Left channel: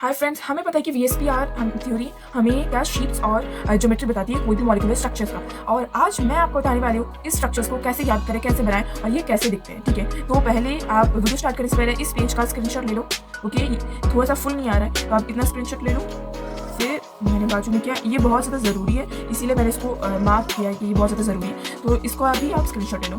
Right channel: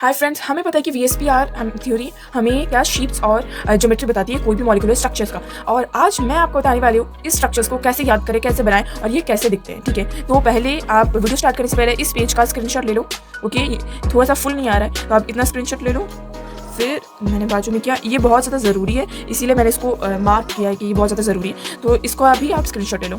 Hi friends, हमें पता है कि वीएसपीआर थ्योरी हमें क्या शेप्स और ज्योमेट्री बताती है कोई भी मॉलिक्यूलर स्ट्रक्चर्स का। और आज मैं आपको बताने वाली हूँ इस स्ट्रक्चर्स को कैसे याद करें, कैसे बनाएं और ये कैसे दिखते हैं। ठीक है, तो पहले आप वीडियो स्टार्ट करने से पहले इस पेज का स्क्रीनशॉट ले लो। ओके, थोड़ा सा फुल नहीं आ रहा है तो आप इतना स्क्रीनशॉट ले लो। फिर मैंने बाजू में किया, ये बहुत ज़्यादा ज़रूरी है, इसीलिए मैंने इसको मार्क किया है कि ये बहुत ज़्यादा ज़रूरी है, तो इसको अभी आप स्क्रीनशॉट ले लो।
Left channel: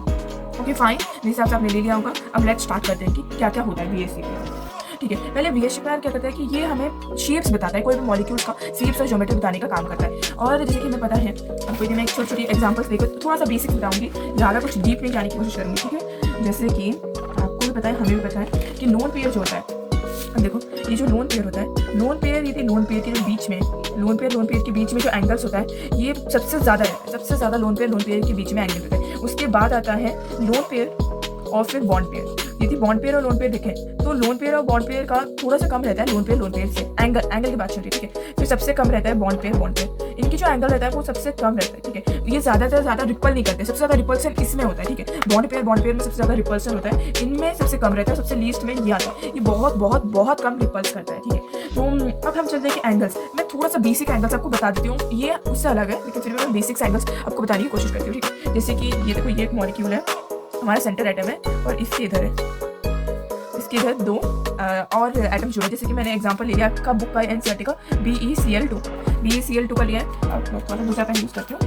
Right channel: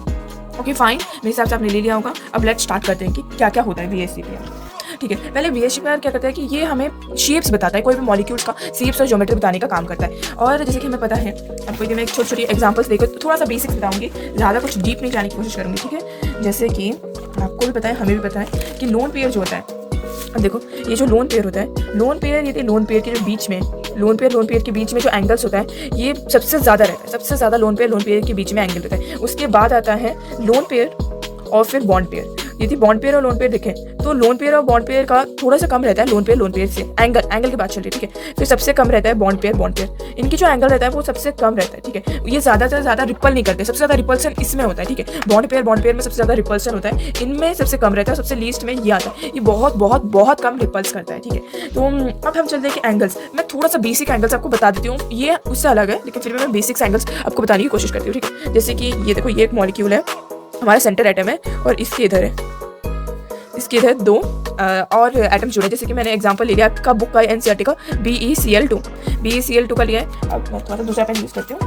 ओके फाइन, मेरे हिसाब से आपने ले लिया होगा। अब लेट्स स्टार्ट करते हैं कि क्या क्या होता है वीएसपीआर। ठीक है, पहले वीएसपीआर क्या करता है कि ये हमें शेप्स बताता है, कोई भी मॉलिक्यूल्स का शेप्स और ज्योमेट्री बताने का काम करता है। और जैसे कि हमें पता है, आपको मैं एक छोटी एग्जांपल्स देकर थोड़ा सा बेसिक्स बताऊंगी, ज़्यादा कुछ डीप नहीं जाने की कोशिश करूंगी। ठीक है, जैसे कि आपको भी पता है, हमें भी पता है कि लोन पेयर जो होता है, अब देखो ये जो लोन पेयर होता है, लोन पेयर ये लोन पेयर के जो बीच में लोन पेयर के बीच में जो एंगल्स होता है ये सबसे ज़्यादा रहता है, सबसे ज़्यादा लोन पेयर के बीच में एंगल रहता है। उसके बाद आता है लोन पेयर और फिर बॉन्ड पेयर। यदि बॉन्ड पेयर और लोन पेयर देखें तो लोन पेयर और बॉन्ड पेयर का थोड़ा सा कम रहता है लोन पेयर से, एंगल की बात चल रही है। ठीक है, फिर सबसे कम रहता है बॉन्ड पेयर। इनकी जो एंगल रहता है वो सबसे कम रहता है। ठीक है, ये ज़्यादा रिपल नहीं करते, सबसे ज़्यादा रिपल्सन इसमें होता है। ठीक है, बॉन्ड पेयर में सबसे ज़्यादा रिपल्सन होता है, इनमें सबसे कम रहता है, सबसे लीस्ट में ये आता है, ये बहुत बहुत बहुत कम रिपल्स करता है। ठीक है, तो अब हम चलते हैं कि एंगल्स। मैं थोड़ा सा बेसिक एंगल्स आपको बता देती हूँ, ये उससे अलग है लेकिन फिर मैं बेसिक्स एंगल्स आपको बताने की कोशिश करती हूँ। ठीक है, जैसे कि ये देखो, ये एक मॉलिक्यूल है, हमारा सेंटर एटम है और इसके इधर है, इसके इधर दो और एटम जुड़े। जैसे कि मैंने एग्जांपल ले लिया आपका बुक का एनसीईआरटी का BeCl2 का लिया है। अब मैं थोड़ा दूसरा पेन यूज करती हूँ।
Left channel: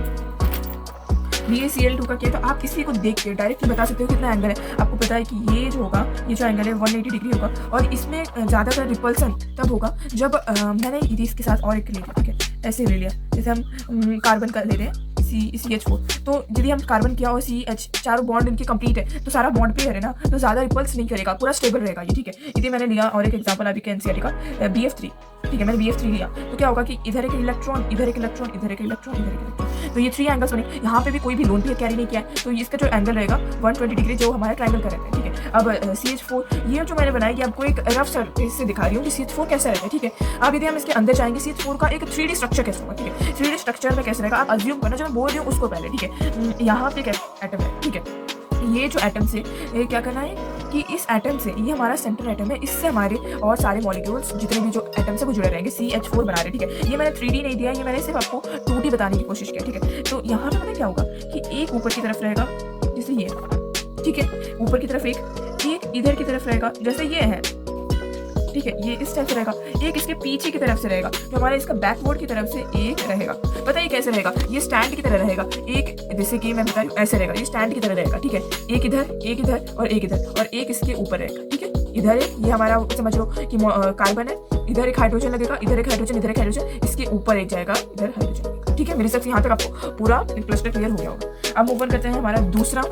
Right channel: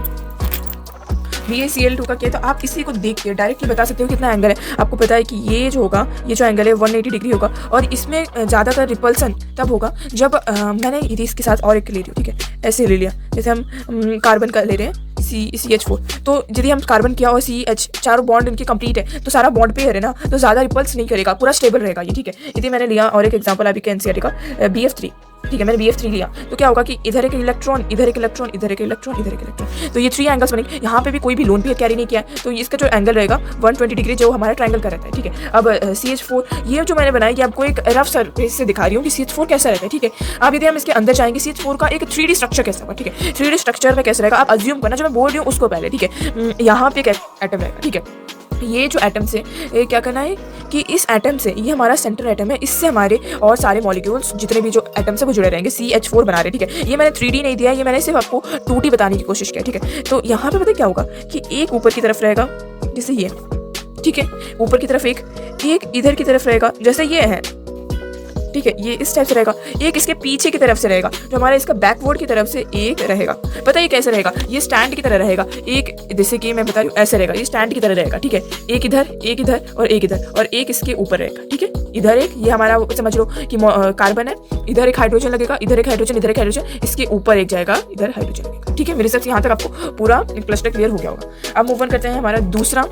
BeCl2 का किया तो आप इसी को देख के डायरेक्टली बता सकते हो कितना एंगल है। आपको पता है कि ये जो होगा, ये जो एंगल है 180 डिग्री होगा और इसमें ज़्यादातर रिपल्सन तब होगा जब मैंने इसके साथ और एक ले लिया। ठीक है, ऐसे ले लिया, जैसे हम कार्बन का ले रहे हैं CH4, तो यदि हम कार्बन किया और CH, चारों बॉन्ड इनकी कंप्लीट है तो सारा बॉन्ड पेयर है ना, तो ज़्यादा रिपल्स नहीं करेगा, पूरा स्टेबल रहेगा ये। ठीक है, यदि मैंने लिया और एक एग्जांपल अभी के एनसीईआरटी का BF3। ठीक है, मैंने BF3 लिया तो क्या होगा कि इधर एक इलेक्ट्रॉन, इधर एक इलेक्ट्रॉन, इधर एक इलेक्ट्रॉन, इधर एक इलेक्ट्रॉन, तो ये 3 एंगल्स बनेंगे। यहाँ पे भी कोई भी लोन पेयर कैरी नहीं किया है तो इसका जो एंगल रहेगा 120 डिग्री, जो हमारा ट्रायंगल का रहता है। ठीक है, अब CH4 ये जो मैंने बनाया, ये आपको एक रफ सरफेस से दिखा रही हूँ कि CH4 कैसा रहता है। ठीक है, अब यदि हम इसके अंदर जाएंगे, CH4 का एक 3D स्ट्रक्चर कैसा होगा। ठीक है, 3D स्ट्रक्चर में कैसे रहेगा आप अज्यूम करना, जो मैं बोल रही हूँ उसको पहले। ठीक है, यहाँ पे एक एटम रहेगा। ठीक है, ये जो एटम से ये क्या करना है कि इस एटम से, ये हमारा सेंटर एटम है, इससे हमारे और सारे मॉलिक्यूल्स जितने भी जो एटम से वो जुड़े रहेंगे, CH4 बना रहे। ठीक है, ये मैंने 3D नहीं दिया, ये मैंने सिर्फ आपको 2D बताने की कोशिश किया। ठीक है, तो यहाँ पे पता क्या होगा कि एक ऊपर की तरफ रहेगा जैसे ये। ठीक है, ऊपर की तरफ एक इधर की तरफ रहेगा जैसे ये है। ठीक है, ये इस टाइप से रहेगा, एक इसके पीछे की तरफ से रहेगा, जो हमारा इसका बैकवर्ड की तरफ से एक रहेगा। पता है कैसे रहेगा, ये स्टैंड की तरह रहेगा, एक जैसे कि मैं बता रही हूँ ऐसे रहेगा, ये स्टैंड की तरह रहेगा। ठीक है, एक इधर और एक इधर और एक इसके ऊपर रहेगा। ठीक है, इधर एक, ये हमारा समझ लो कि कार्बन है, इधर एक हाइड्रोजन लगेगा, इधर एक हाइड्रोजन, इधर एक हाइड्रोजन, इसके ऊपर एक जाएगा, इधर हाइड्रोजन लगेगा। ठीक है, मेरे हिसाब से यहाँ तक आपको पूरा क्लस्टर क्लियर हो गया होगा। अब मूव ऑन करते हैं हमारा दूसरा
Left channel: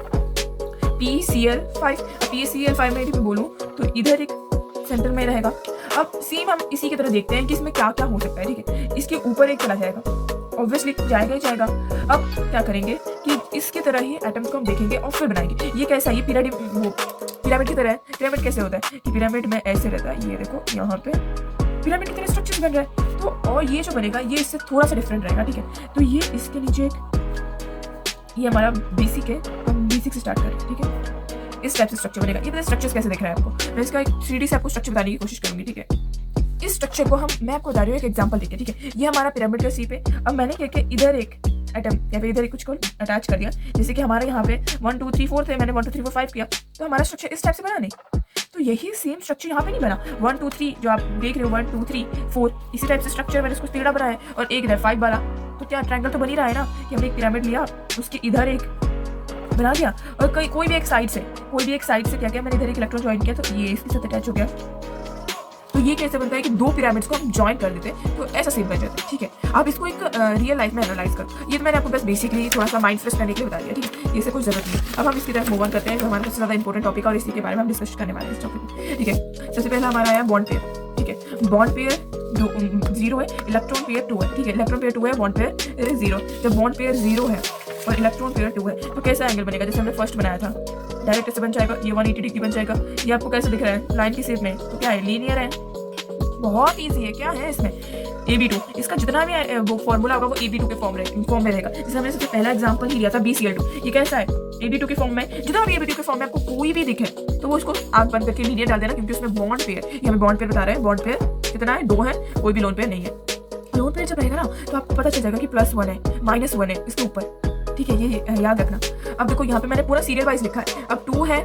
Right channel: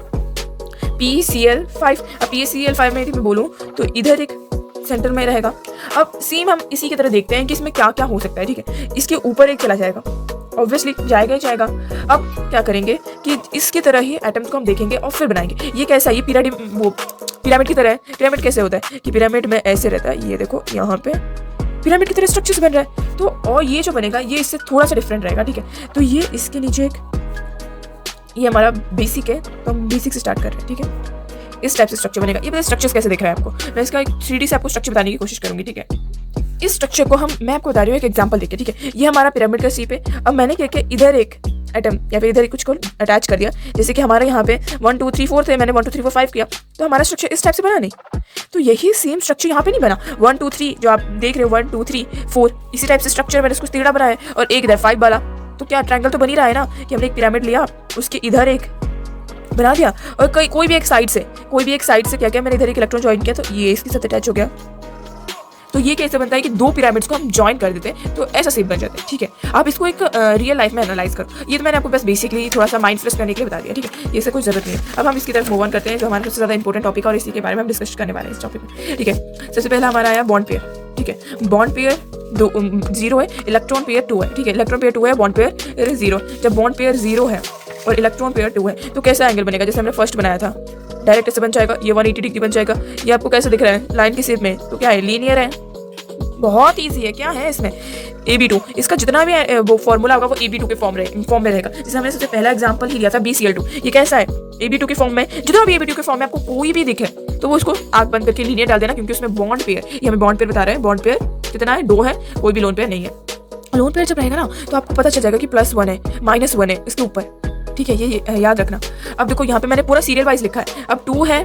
PeCl5। अब PeCl5 में यदि मैं बोलूँ तो इधर एक सेंटर में रहेगा। अब सेम हम इसी की तरह देखते हैं कि इसमें क्या क्या हो सकता है। ठीक है, इसके ऊपर एक चला जाएगा, ऑब्वियसली जाएगा ही जाएगा। अब क्या करेंगे कि इसकी तरह ही एटम्स को हम देखेंगे और फिर बनाएंगे। ये कैसा है, ये पिरामिड की तरह है। पिरामिड कैसे होता है कि पिरामिड में ऐसे रहता है, ये देखो यहाँ पे पिरामिड की तरह स्ट्रक्चर बन रहा है, तो और ये जो बनेगा ये इससे थोड़ा सा डिफरेंट रहेगा। ठीक है, तो ये इसके नीचे एक, ये हमारा बेसिक है तो हम बेसिक से स्टार्ट कर रहे हैं। ठीक है, इस टाइप से स्ट्रक्चर बनेगा। ये पता स्ट्रक्चर्स कैसे दिख रहा है आपको, मैं इसका एक 3D से आपको स्ट्रक्चर बताने की कोशिश करूंगी। ठीक है, इस स्ट्रक्चर को मैं आपको बता रही हूँ एक एग्जांपल देके। ठीक है, ये हमारा पिरामिड का शेप है। अब मैंने क्या किया, इधर एक एटम या फिर इधर कुछ को अटैच कर दिया, जैसे कि हमारे यहाँ पे 1 2 3 4 थे, मैंने 1 2 3 4 5 किया, तो हमारा स्ट्रक्चर इस टाइप से बना नहीं। तो यही सेम स्ट्रक्चर यहाँ पे नहीं बना। 1 2 3 जो आप देख रहे हो, 1 2 3 4 इसी टाइप से स्ट्रक्चर मैंने उसको टेढ़ा बनाया और एक इधर 5 वाला, तो क्या ट्रायंगल तो बन ही रहा है ना कि हमने एक पिरामिड लिया, उसके इधर एक बना दिया और कोई भी एक साइड से क्या किया, मैंने इधर एक इलेक्ट्रॉन ज्वाइन किया तो ये इसके साथ अटैच हो गया। तो ये कैसे बनता है कि दो पिरामिड्स को हम ज्वाइन कर देते हैं तो ऐसा शेप बन जाता है। ठीक है, आप इसको एक रियल लाइफ में एनालाइज करो। ये तो मैंने आपको बस बेसिकली थोड़ा सा माइंड फ्रेश करने के लिए बता दिया। ठीक है, ये से कुछ जरूरत नहीं है। अब हम इसकी तरफ मूव ऑन करते हैं, जो हमारा सबसे ज़्यादा इंपॉर्टेंट टॉपिक है और इसी के बारे में हम डिस्कस करने वाले हैं इस टॉपिक में। ठीक है, सबसे पहला हमारा आया बॉन्ड पेयर। ठीक है, बॉन्ड पेयर 0 है, इलेक्ट्रॉन पेयर 2 है। ठीक है, इलेक्ट्रॉन पेयर 2 है, बॉन्ड पेयर 0। जब बॉन्ड पेयर 0 है और इलेक्ट्रॉन पेयर 2 है तो कैसा एंगल बनेगा, जैसे हमने फर्स्ट बनाया था, डायरेक्ट ऐसे बन जाएगा, ये 180 डिग्री बन जाएगा। ये आपको कैसे दिख रहा है लाइन की शेप में, तो क्या है, लीनियर है, बहुत ईजी है। क्या है इसमें, AB2, इसका जितना भी वो फॉर्मूला होगा वो AB2 के फॉर्म में रहेगा। जैसे हमने सबसे पहला एग्जांपल ही लिया था BCl2, ये कैसा है, AB2 के फॉर्म में। जितना भी AB2 के फॉर्म में आपको कोई भी दिखे तो वो उसको आग बंद करके लीनियर डाल देना, क्योंकि उसमें बॉन्ड पेयर, ये हमें बॉन्ड पेयर बता रहे हैं, बॉन्ड पेयर कितना है, 2 है, कोई भी लोन पेयर नहीं है। लोन पेयर जब रहेगा ना तो आपको पता चल जाएगा कि +1 है, -1 है इसके ऊपर, ठीक है, ये याद रखना। अब देखो यहाँ पे मैंने पूरा सीरियल वाइज लिखा है। अब 2 है,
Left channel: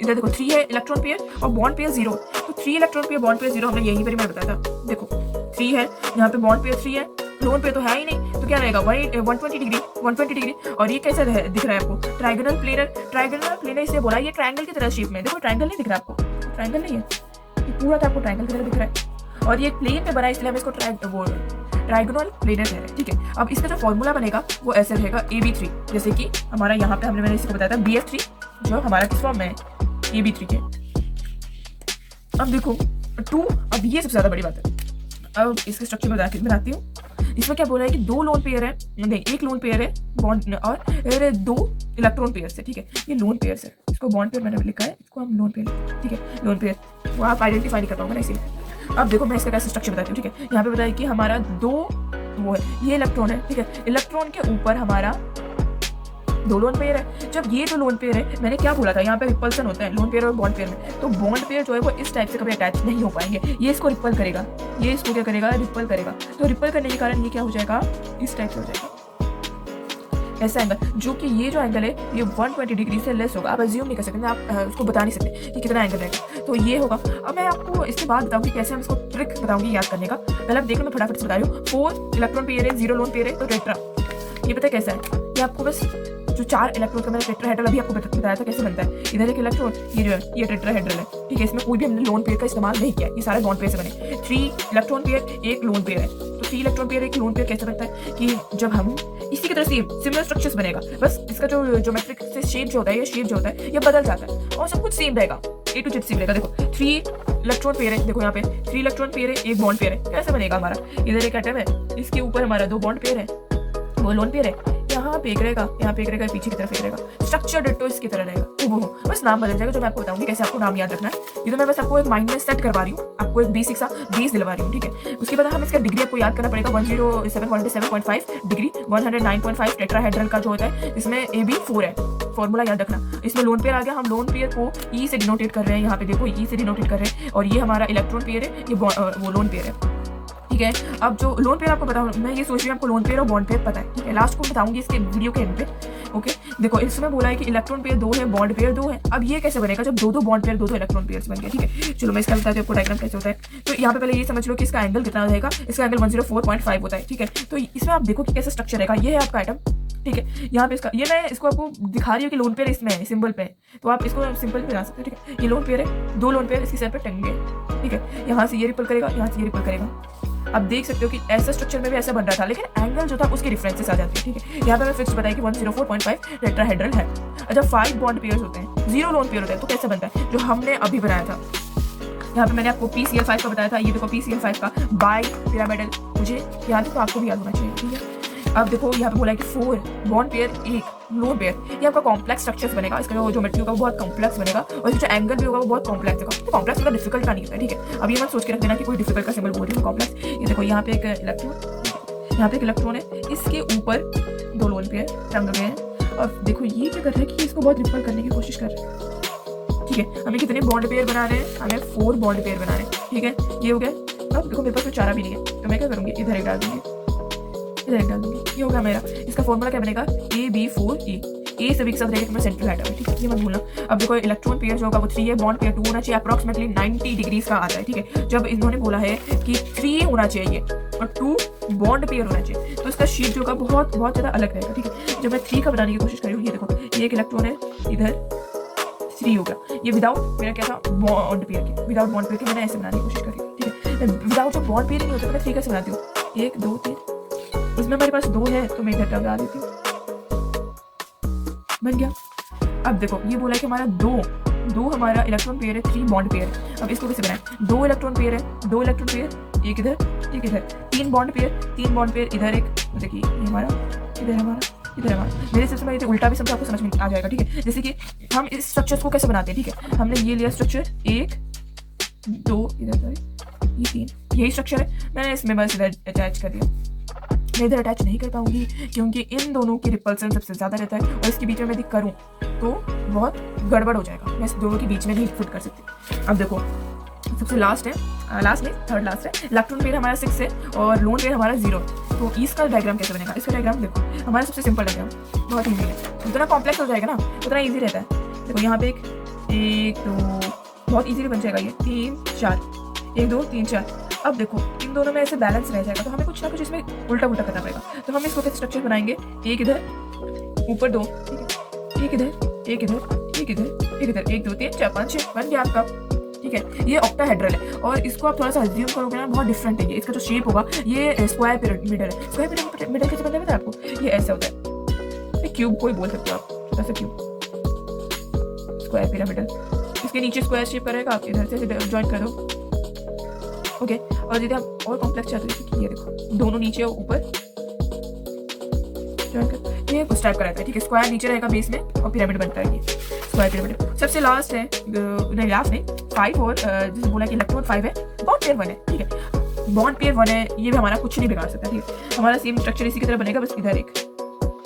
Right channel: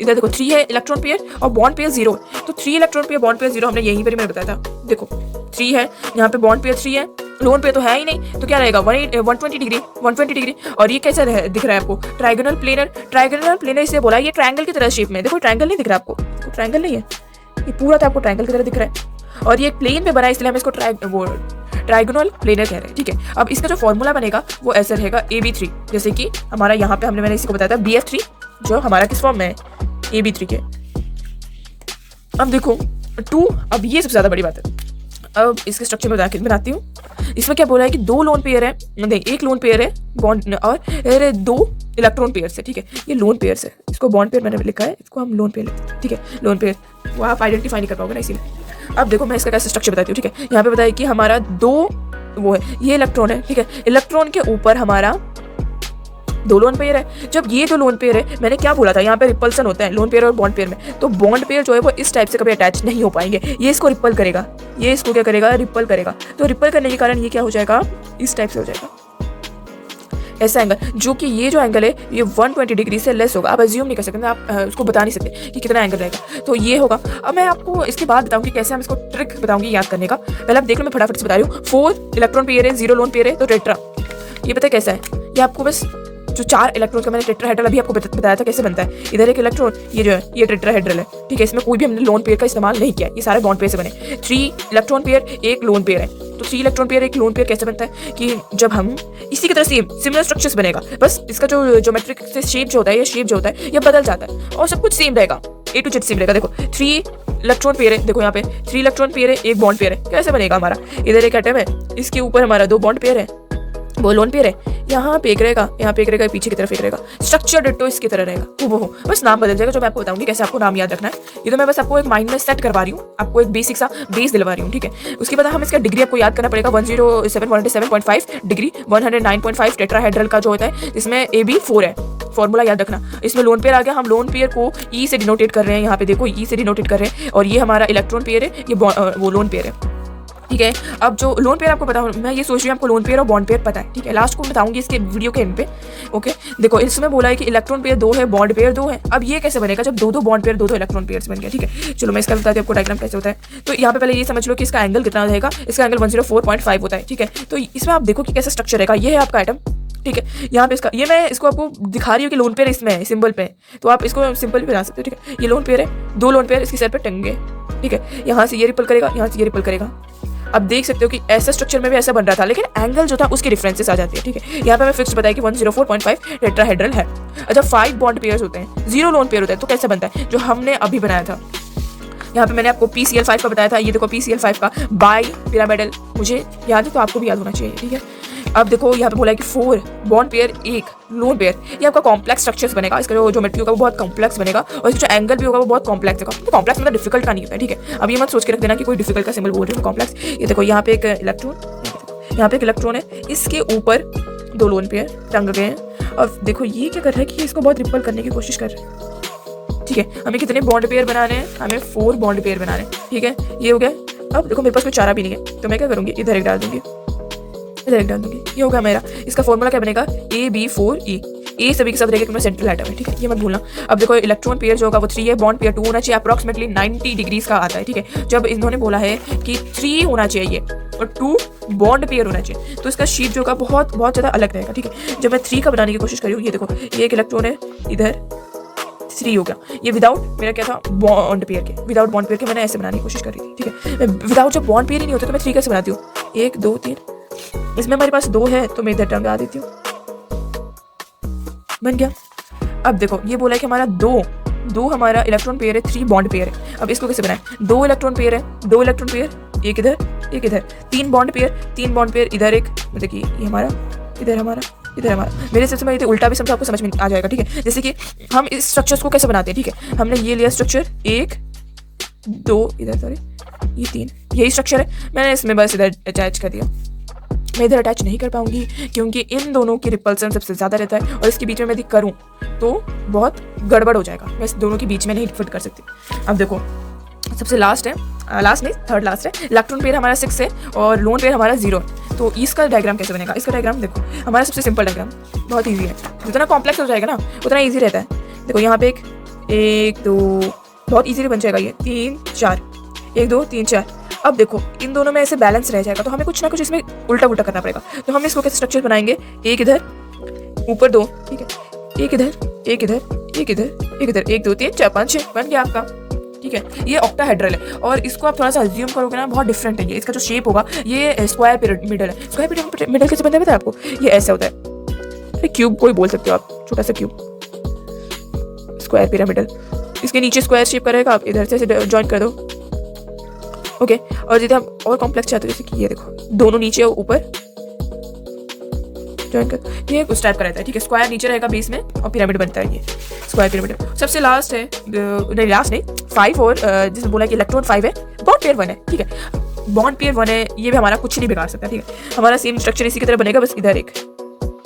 इधर देखो 3 है इलेक्ट्रॉन पेयर और बॉन्ड पेयर 0, तो 3 इलेक्ट्रॉन पेयर बॉन्ड पेयर 0 हमने यहीं पर ही मैंने बताया था। देखो 3 है, यहाँ पे बॉन्ड पेयर 3 है, लोन पेयर तो है ही नहीं, तो क्या रहेगा 120 डिग्री। और ये कैसा दिख रहा है आपको, ट्राइगोनल प्लेनर इसे बोला, ये ट्रायंगल की तरह शेप में। देखो ट्रायंगल नहीं दिख रहा आपको, ट्रायंगल नहीं है, ये पूरा तो आपको ट्रायंगल की तरह दिख रहा है और ये प्लेन पे बना है, इसलिए हम इसको ट्राइगोनल प्लेनर कह रहे हैं, ठीक है। अब इसका जो फॉर्मूला बनेगा वो ऐसा रहेगा AB3, जैसे कि हमारा यहाँ पे मैंने इसको बताया था BF3, जो हमारा किस फॉर्म में है, AB3 के। अब देखो 2, अब ये सबसे ज्यादा बड़ी बात है। अब इसके स्ट्रक्चर में बनाती हूँ। इसमें क्या बोला है कि 2 लोन पेयर है, नहीं 1 लोन पेयर है बॉन्ड और 2 इलेक्ट्रॉन पेयर है, ठीक है। ये लोन पेयर है, इसको बॉन्ड पेयर मैंने लिखा है, इसको हम लोन पेयर लेते हैं, ठीक है। लोन पेयर वो आप आइडेंटिफाई नहीं कर पाओगे ना, इसीलिए। अब देखो मैं इसका कैसे स्ट्रक्चर बताती हूँ, ठीक है। यहाँ पे बताया कि हमारा 2 वो है, ये इलेक्ट्रॉन है, ठीक है। इलेक्ट्रॉन के ऊपर हमारा 2 लोन पेयर है। जब ये 2 लोन पेयर है, मैंने क्या बोला था, यहाँ पे रिपल्सन होता है लोन पेयर और बॉन्ड पेयर में, तो बॉन्ड पेयर जो है वो इस टाइप से कभी अटैच नहीं हो पाएंगे, ये इसको रिपल करेगा, ये इसको क्या करेगा, रिपल करेगा। तो रिपल करने के कारण ये क्या हो जाएगा, इस टाइप से हो जाएगा, ऐसा एंगल, जो कि ये जो एंगल है ये 120 डिग्री से लेस होगा। आप अज्यूम नहीं कर सकते, आप उसको बता नहीं सकते कि कितना एंगल रहेगा, तो ये होगा। अब मैं आपको इसके बाद बताऊंगी कैसे हम इसको ट्रिक बताऊंगी याद करने का। पहले आप देख लो, मैं फटाफट से बता रही हूँ। 4 इलेक्ट्रॉन पेयर है, 0 लोन पेयर है, तो टेट्रा। ये पता है कैसा है, ये आपको बस जो 4 इलेक्ट्रॉन का मैंने टेट्राहेड्रल अभी आपको बताया था कैसे बनता है। इधर एक इलेक्ट्रॉन, ये जो है ये टेट्राहेड्रल है, ठीक है। इसमें कोई भी हमने लोन पेयर का इस्तेमाल नहीं किया, ये सारे बॉन्ड पेयर से बने। 3 इलेक्ट्रॉन पेयर 1 लोन पेयर है, तो 3 इलेक्ट्रॉन पेयर 1 लोन पेयर कैसे बनता है कि जब हम इसी की तरह सिमिलर स्ट्रक्चर्स बनेगा, बस इसका जो ज्योमेट्रिक से शेप जो होता है, ये शेप जो होता है ये बदल जाता है और सब कुछ सेम रहेगा, A to Z सेम रहेगा। देखो 3 इलेक्ट्रॉन पेयर है, देखो यहाँ पे 3 इलेक्ट्रॉन पेयर है, 1 बॉन्ड पेयर है, कैसे बनेगा हमारा, इधर एक एटम है, इसके ऊपर हमारा 2 बॉन्ड पेयर है, वो लोन पेयर है, यहाँ पे एक रहेगा, यहाँ पे एक रहेगा, पीछे की तरफ एक रहेगा। स्ट्रक्चर डिट्टो इसकी तरह रहेगा, वो बस नाम बदल जाएगा, जो मैं आपको बताऊंगी कैसे आपको नाम याद रखना है। ये तो मैं बस आपको एक माइंड में सेट करवा रही हूँ, आपको एक बेसिक सा बेस दिलवा रही हूँ, ठीक है। उसके बाद हम इसका डिग्री आपको याद करना पड़ेगा, 107.5 डिग्री, 109.5 टेट्राहेड्रल का जो होता है, इसमें AB4 है, फॉर्मूला याद रखना। इसमें लोन पेयर आ गया, हम लोन पेयर को E से डिनोटेट कर रहे हैं, यहाँ पे देखो E से डिनोटेट कर रहे हैं, और ये हमारा इलेक्ट्रॉन पेयर है, ये वो लोन पेयर है, ठीक है। अब जो लोन पेयर आपको पता, मैं ये सोच रही हूँ आपको लोन पेयर और बॉन्ड पेयर पता है, ठीक है। लास्ट को बताऊंगी इसके वीडियो के एंड पे, ओके। देखो इसमें बोला है कि इलेक्ट्रॉन पेयर 2 है, बॉन्ड पेयर 2 है। अब ये कैसे बनेगा जब 2 बॉन्ड पेयर 2 इलेक्ट्रॉन पेयर बन गया, ठीक है। चलो मैं इसका बताती हूँ आपको डायग्राम कैसे होता है। तो यहाँ पे पहले ये समझ लो कि इसका एंगल कितना रहेगा, इसका एंगल 104.5 होता है, ठीक है। तो इसमें आप देखो कि कैसा स्ट्रक्चर रहेगा, ये है आपका एटम, ठीक है। यहाँ पे इसका, ये मैं इसको आपको दिखा रही हूँ कि लोन पेयर इसमें है, सिंबल पे, तो आप इसको सिंपल पे बना सकते हो, ठीक है। ये लोन पेयर है, 2 लोन पेयर इसके सर पे टंगे, ठीक है। यहाँ से ये रिपल करेगा, यहाँ से ये रिपल करेगा। अब देख सकते हो कि ऐसा स्ट्रक्चर में भी ऐसा बन रहा था, लेकिन एंगल जो था उसके डिफरेंसेस आ जाती है, ठीक है। यहाँ पे मैं फिक्स बताया कि 104.5 टेट्राहेड्रल है। अच्छा 5 बॉन्ड पेयर्स होते हैं, 0 लोन पेयर होता है, तो कैसे बनता है, जो हमने अभी बनाया था। यहाँ पे मैंने आपको PCl5 का बताया था, ये देखो PCl5 का बाई पिरामिडल, मुझे याद है तो आपको भी याद होना चाहिए, ठीक है। अब देखो यहाँ पे बोला है कि 4 बॉन्ड पेयर 1 लोन पेयर, ये आपका कॉम्प्लेक्स स्ट्रक्चर्स बनेगा। इसका जो ज्योमेट्री होगा वो बहुत कॉम्प्लेक्स बनेगा, और इसका जो एंगल भी होगा वो बहुत कॉम्प्लेक्स होगा। तो कॉम्प्लेक्स मतलब डिफिकल्ट का नहीं होता है, ठीक है। अब ये मत सोच के रख देना कि कोई डिफिकल्ट का सिंबल बोल रहे हो, कॉम्प्लेक्स। ये देखो यहाँ पे एक इलेक्ट्रॉन, यहाँ पे एक इलेक्ट्रॉन है, इसके ऊपर 2 लोन पेयर टंग गए हैं, और देखो ये क्या कर रहा है कि इसको बहुत रिपल करने की कोशिश कर रहे हैं, ठीक है। हमें कितने बॉन्ड पेयर बनाने हैं, हमें 4 बॉन्ड पेयर बनाने हैं, ठीक है। ये हो गया। अब देखो मेरे पास कोई चारा भी नहीं है, तो मैं क्या करूँगी, इधर एक डाल दूंगी, इधर एक डाल दूंगी, ये होगा मेरा। इसका फॉर्मूला क्या बनेगा, AB4E, ए सभी के साथ रहेगा क्योंकि सेंट्रल एटम है, ठीक है, ये मत भूलना। अब देखो इलेक्ट्रॉन पेयर जो होगा वो 3 है, बॉन्ड पेयर 2 होना चाहिए, अप्रॉक्सीमेटली 90 डिग्रीज का आता है, ठीक है। जब इन्होंने बोला है कि 3 होना चाहिए और 2 बॉन्ड पेयर होना चाहिए, तो इसका शेप जो होगा बहुत बहुत ज़्यादा अलग रहेगा, ठीक है। जब मैं 3 का बनाने की कोशिश कर रही हूँ, ये देखो ये एक इलेक्ट्रॉन है, इधर 3 हो गया। ये विदाउट मेरा क्या था, बॉन्ड पेयर के, विदाउट बॉन्ड पेयर के मैंने ऐसे बनाने की कोशिश कर रही थी, ठीक है। विदाउट जब बॉन्ड पेयर ही नहीं होता तो मैं 3 कैसे बनाती हूँ, 1 2 3, इसमें हमारे पास 2 है तो मैं इधर टंगा देती हूँ, बन गया। अब देखो ये बोला है कि हमारा 2 हमारा इलेक्ट्रॉन पेयर है, 3 बॉन्ड पेयर है। अब इसको कैसे बनाएं, 2 इलेक्ट्रॉन पेयर है, 2 इलेक्ट्रॉन पेयर, एक इधर एक इधर, 3 बॉन्ड पेयर, 3 बॉन्ड पेयर इधर एक, देखिए ये हमारा, इधर हमारा, इधर हमारा। मेरे हिसाब से मैं उल्टा भी समझा आपको समझ में आ जाएगा, ठीक है। जैसे कि हम इस स्ट्रक्चर्स को कैसे बनाते हैं, ठीक है। हमने ये लिया स्ट्रक्चर 1 2 इधर, सॉरी ये 3, यही स्ट्रक्चर है, मैंने इसमें बस इधर अटैच कर दिया। मैं इधर अटैच नहीं कर पाऊंगी क्योंकि इन दोनों की रिपल्सन सबसे ज़्यादा रहता है, और इसके बीच में यदि करूँ तो बहुत गड़बड़ हो जाएगा, मैं इस दोनों के बीच में नहीं फिट कर सकती। अब देखो सबसे लास्ट है लास्ट नहीं, थर्ड लास्ट है। इलेक्ट्रॉन पेयर हमारा 6 है और लोन पेयर हमारा 0। तो इसका डायग्राम कैसे बनेगा? इसका डायग्राम देखो, हमारा सबसे सिंपल डायग्राम, बहुत ईजी है। जितना कॉम्प्लेक्स हो जाएगा ना उतना ईजी रहता है। देखो यहाँ पे 1 2 बहुत ईजीली बन जाएगा ये, 3 4, 1 2 3 4। अब देखो इन दोनों में ऐसे बैलेंस रह जाएगा, तो हमें कुछ ना कुछ इसमें उल्टा पुल्टा करना पड़ेगा। तो हम इसको कैसे स्ट्रक्चर बनाएंगे? एक इधर, ऊपर 2, ठीक है, एक इधर, एक इधर, एक इधर, एक इधर, 1 2 3 4 5 6 बन गया आपका, ठीक है। ये ऑक्टाहेड्रल है और इसको आप थोड़ा सा अज्यूम करोगे ना, बहुत डिफरेंट है ये। इसका जो शेप होगा ये स्क्वायर पिरामिडल है। स्क्वायर पिरामिडल कैसे बनता है पता है आपको? ये ऐसा होता है, क्यूब कोई बोल सकते हो आप, छोटा सा क्यूब, स्क्वायर पिरामिडल। इसके नीचे स्क्वायर शेप करेगा, आप इधर से ज्वाइन कर दो, ओके। और यदि आप और कॉम्प्लेक्स चाहते हो, जैसे कि ये देखो, दोनों नीचे और ऊपर ज्वाइन कर, ये उस टाइप का रहता है, ठीक है। स्क्वायर नीचे रहेगा बेस में और पिरामिड बनता है ये स्क्वायर पिरामिड। सबसे लास्ट है, नहीं लास्ट नहीं, 5 और जैसे बोला कि इलेक्ट्रॉन 5 है, बॉन्ड पेयर 1 है, ठीक है। बॉन्ड पेयर 1 है, ये भी हमारा कुछ नहीं बिगाड़ सकता, ठीक है। हमारा सेम स्ट्रक्चर इसी की तरह बनेगा, बस इधर एक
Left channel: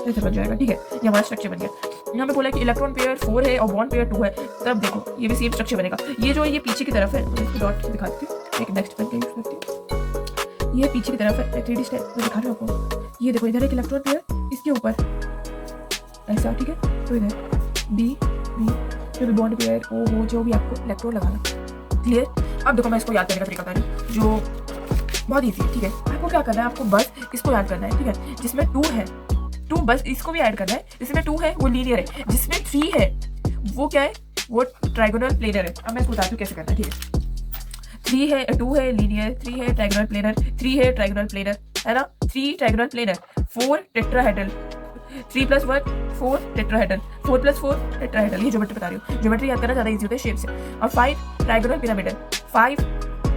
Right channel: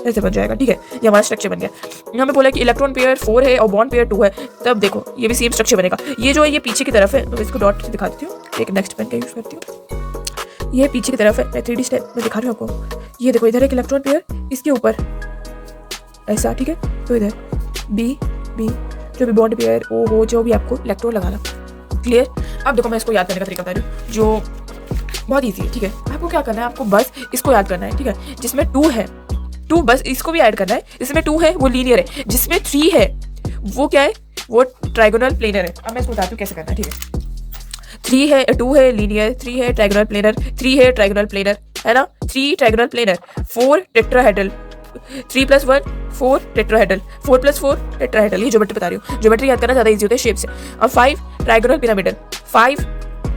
ऐसे बन जाएगा, ठीक है। ये हमारा स्ट्रक्चर बन गया। यहाँ पे बोला कि इलेक्ट्रॉन पेयर 4 है और बॉन्ड पेयर 2 है, तब देखो ये भी सेम स्ट्रक्चर बनेगा। ये जो है ये पीछे की तरफ है, तो इसको डॉट दिखा देती हूँ, एक नेक्स्ट पेन का यूज करती हूँ। ये पीछे की तरफ है, मैं 3D स्टेप में दिखा रही हूँ आपको। ये देखो इधर एक इलेक्ट्रॉन पेयर, इसके ऊपर ऐसा, ठीक है। तो इधर बी जो भी बॉन्ड पेयर ओ हो, जो भी आपको इलेक्ट्रॉन लगाना, क्लियर। अब देखो मैं इसको याद करने का तरीका बता रही हूँ, जो बहुत ईजी है, ठीक है। आपको क्या करना है, आपको बस इसको याद करना है, ठीक है। जिसमें 2 है, 2 बस इसको भी ऐड करना है। जिसमें 2 है वो लीनियर है, जिसमें 3 है वो क्या है, वो ट्राइगोनल प्लेनर है। अब मैं इसको बताती हूँ कैसे करना है, ठीक है। 3 है, 2 है लीनियर, 3 है ट्राइगोनल प्लेनर, 3 है ट्राइगोनल प्लेनर, है ना, 3 trigonal planar, 4 tetrahedral, 3 + 1 4 tetrahedral, 4 + 4 tetrahedral. ये ज्योमेट्री बता रही हूँ, ज्योमेट्री याद करना ज़्यादा इजी होता है शेप से। और 5 ट्राइगोनल पिरामिडल, 5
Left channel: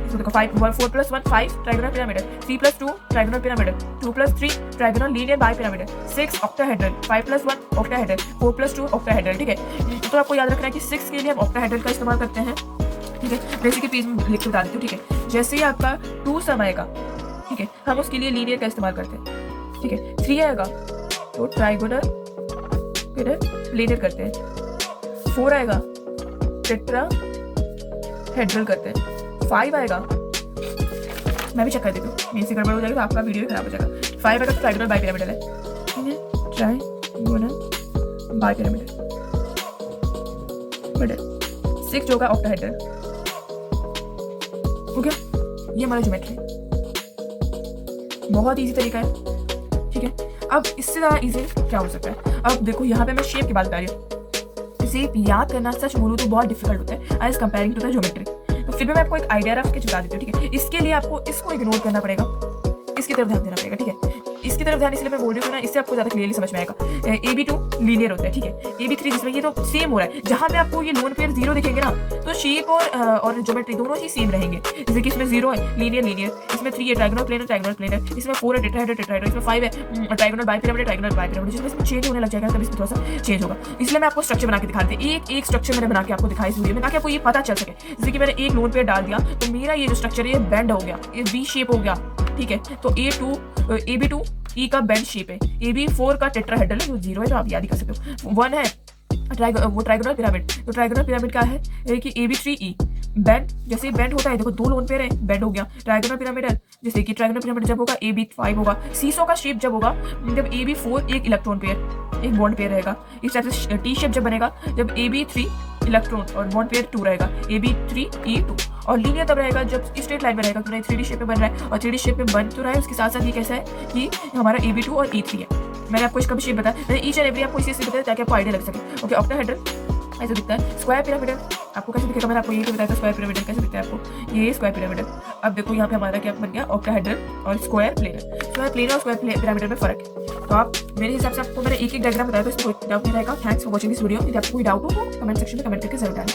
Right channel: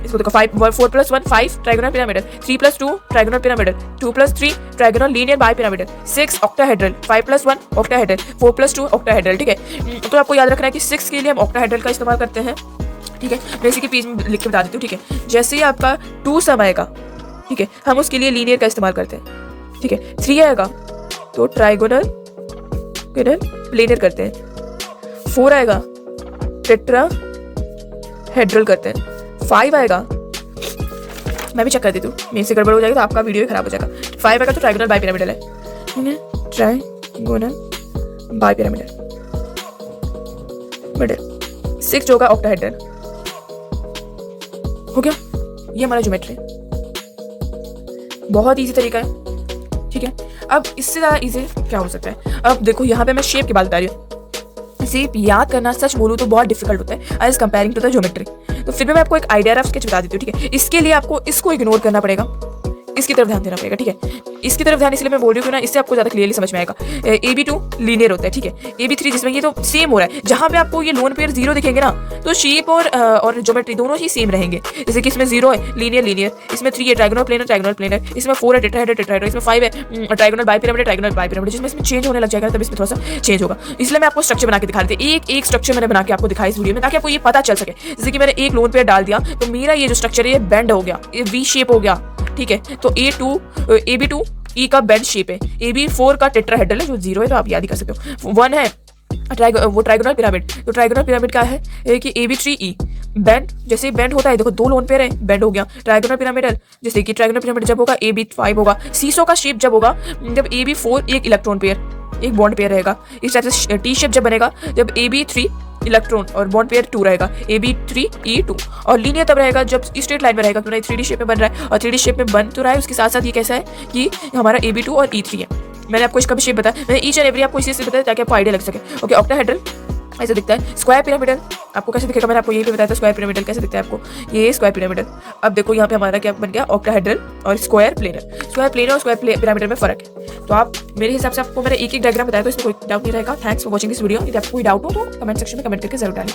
इसको देखो, 4 + 1 5 trigonal pyramidal, 3 + 2 trigonal pyramidal, 2 + 3 trigonal linear bi pyramidal, 6 octahedral, 5 + 1 octahedral, 4 + 2 octahedral, ठीक है। तो आपको याद रखना है कि 6 के लिए हम ऑक्टाहेड्रल का इस्तेमाल करते हैं, ठीक है। मैं इसी के पेज में लिख के बता देती हूँ, ठीक है। जैसे ही आपका 2 सम आएगा, ठीक है, हम उसके लिए लीनियर का इस्तेमाल करते हैं, ठीक है। 3 आएगा तो ट्राइगोनल प्लेनर करते हैं, 4 आएगा टेट्राहेड्रल करते हैं, 5 आएगा, मैं भी चेक कर देती हूँ, मेरे से गड़बड़ हो जाएगा तो आपका वीडियो ही खराब हो जाएगा। 5 आएगा तो ट्राइगोनल बाई पिरामिडल है, ठीक है, ट्राइगोनल बाई पिरामिडल मिडल। 6 जो होगा ऑक्टाहेड्रल, हो गया। ये हमारा ज्योमेट्री है, बहुत इजी तरीका है, ठीक है। अब इससे ज़्यादा इजी क्या हो सकता है? अब देखो यहाँ पे मैं शेप की बात बता रही हूँ। शेप याद करना सच बोलूँ तो बहुत डिफिकल्ट होता है as comparing to the geometry. तो फिर भी मैं आपको एक आइडिया रफ स्केच बता देती हूँ, ठीक है। इसके लिए आपको इसको इग्नोर करना पड़ेगा, इसकी तरफ ध्यान देना पड़ेगा, ठीक है। इसकी तरफ ध्यान इसलिए मैं बोल रही हूँ ना, इससे आपको ज़्यादा क्लियरली समझ में आएगा। AB2 लीनियर होता है, ठीक है। AB3 जिसमें ये तो सेम हो रहा है, जहाँ पे आपको ये लोन पेयर 0 दिखेंगे ना, तो शेप और ज्योमेट्री दोनों ही सेम रहेंगे। जैसे कि इसमें 0 है लीनियर, इसमें 3 है ट्राइगोनल प्लेनर, इसमें 4 है टेट्राहेड्रल, इसमें 5 है ट्राइगोनल बाई पिरामिड, जिसमें इसमें चेंज होने लग जाएगा, तब इसमें थोड़ा सा चेंज होगा। इसलिए मैं आपको स्ट्रक्चर बना के दिखा देती हूँ, एक स्ट्रक्चर मैंने बना के आपको दिखाई इस वीडियो में, ताकि आपको ये पता चल सके। जैसे कि मैंने एक लोन पेयर डाल दिया तो मेरा ये जो स्ट्रक्चर है ये बेंड हो गया, ये वी शेप हो गया, ठीक है। तो AB2 E का बेंड शेप है, AB4 का टेट्राहेड्रल है जो 0 है, तो आप याद ही कर सकते हो। 1 है वो ट्राइगोनल पिरामिड, तो ट्राइगोनल पिरामिड का है कि AB3E बेंड, जैसे बेंड होता है, देखो 2 लोन पेयर है, बेंड हो गया। ट्राइगोनल पिरामिडल, जैसे कि ट्राइगोनल पिरामिड जब होगा AB5 होगा। सीसो का शेप जब होगा जब AB4 एक इलेक्ट्रॉन पेयर एक बॉन्ड पेयर रहेगा। इस टाइप से टी शेप जब बनेगा जब AB3 इलेक्ट्रॉन और बॉन्ड पेयर 2 रहेगा, AB3E2। और लीनियर तब रहेगा जब स्ट्रेट लाइन में रहेगा, क्योंकि 3D शेप में बन रहा है, और 3D शेप में बन तो रहा है, उसके साथ साथ ये कैसा है कि हमारा AB2 और E3 है। मैंने आपको इसका भी शेप बताया, मैंने ईच एंड एवरी आपको इसी से बताया ताकि आपको आइडिया लग सके, ओके। ऑक्टाहेड्रल ऐसे दिखता है। स्क्वायर पिरामिडल आपको कैसे दिखेगा, मैंने आपको ये भी बताया था, स्क्वायर पिरामिडल कैसे दिखता है आपको, ये स्क्वायर पिरामिडल। अब देखो यहाँ पे हमारा क्या बन गया, ऑक्टाहेड्रल और स्क्वायर प्लेनर और स्क्वायर पिरामिडल में फर्क है। तो आप मेरे हिसाब से आपको मैंने एक डायग्राम बताया, तो इसमें कोई डाउट नहीं रहेगा। Thanks for watching this video. यदि आपको कोई डाउट हो तो कमेंट सेक्शन में कमेंट करके जरूर डालें।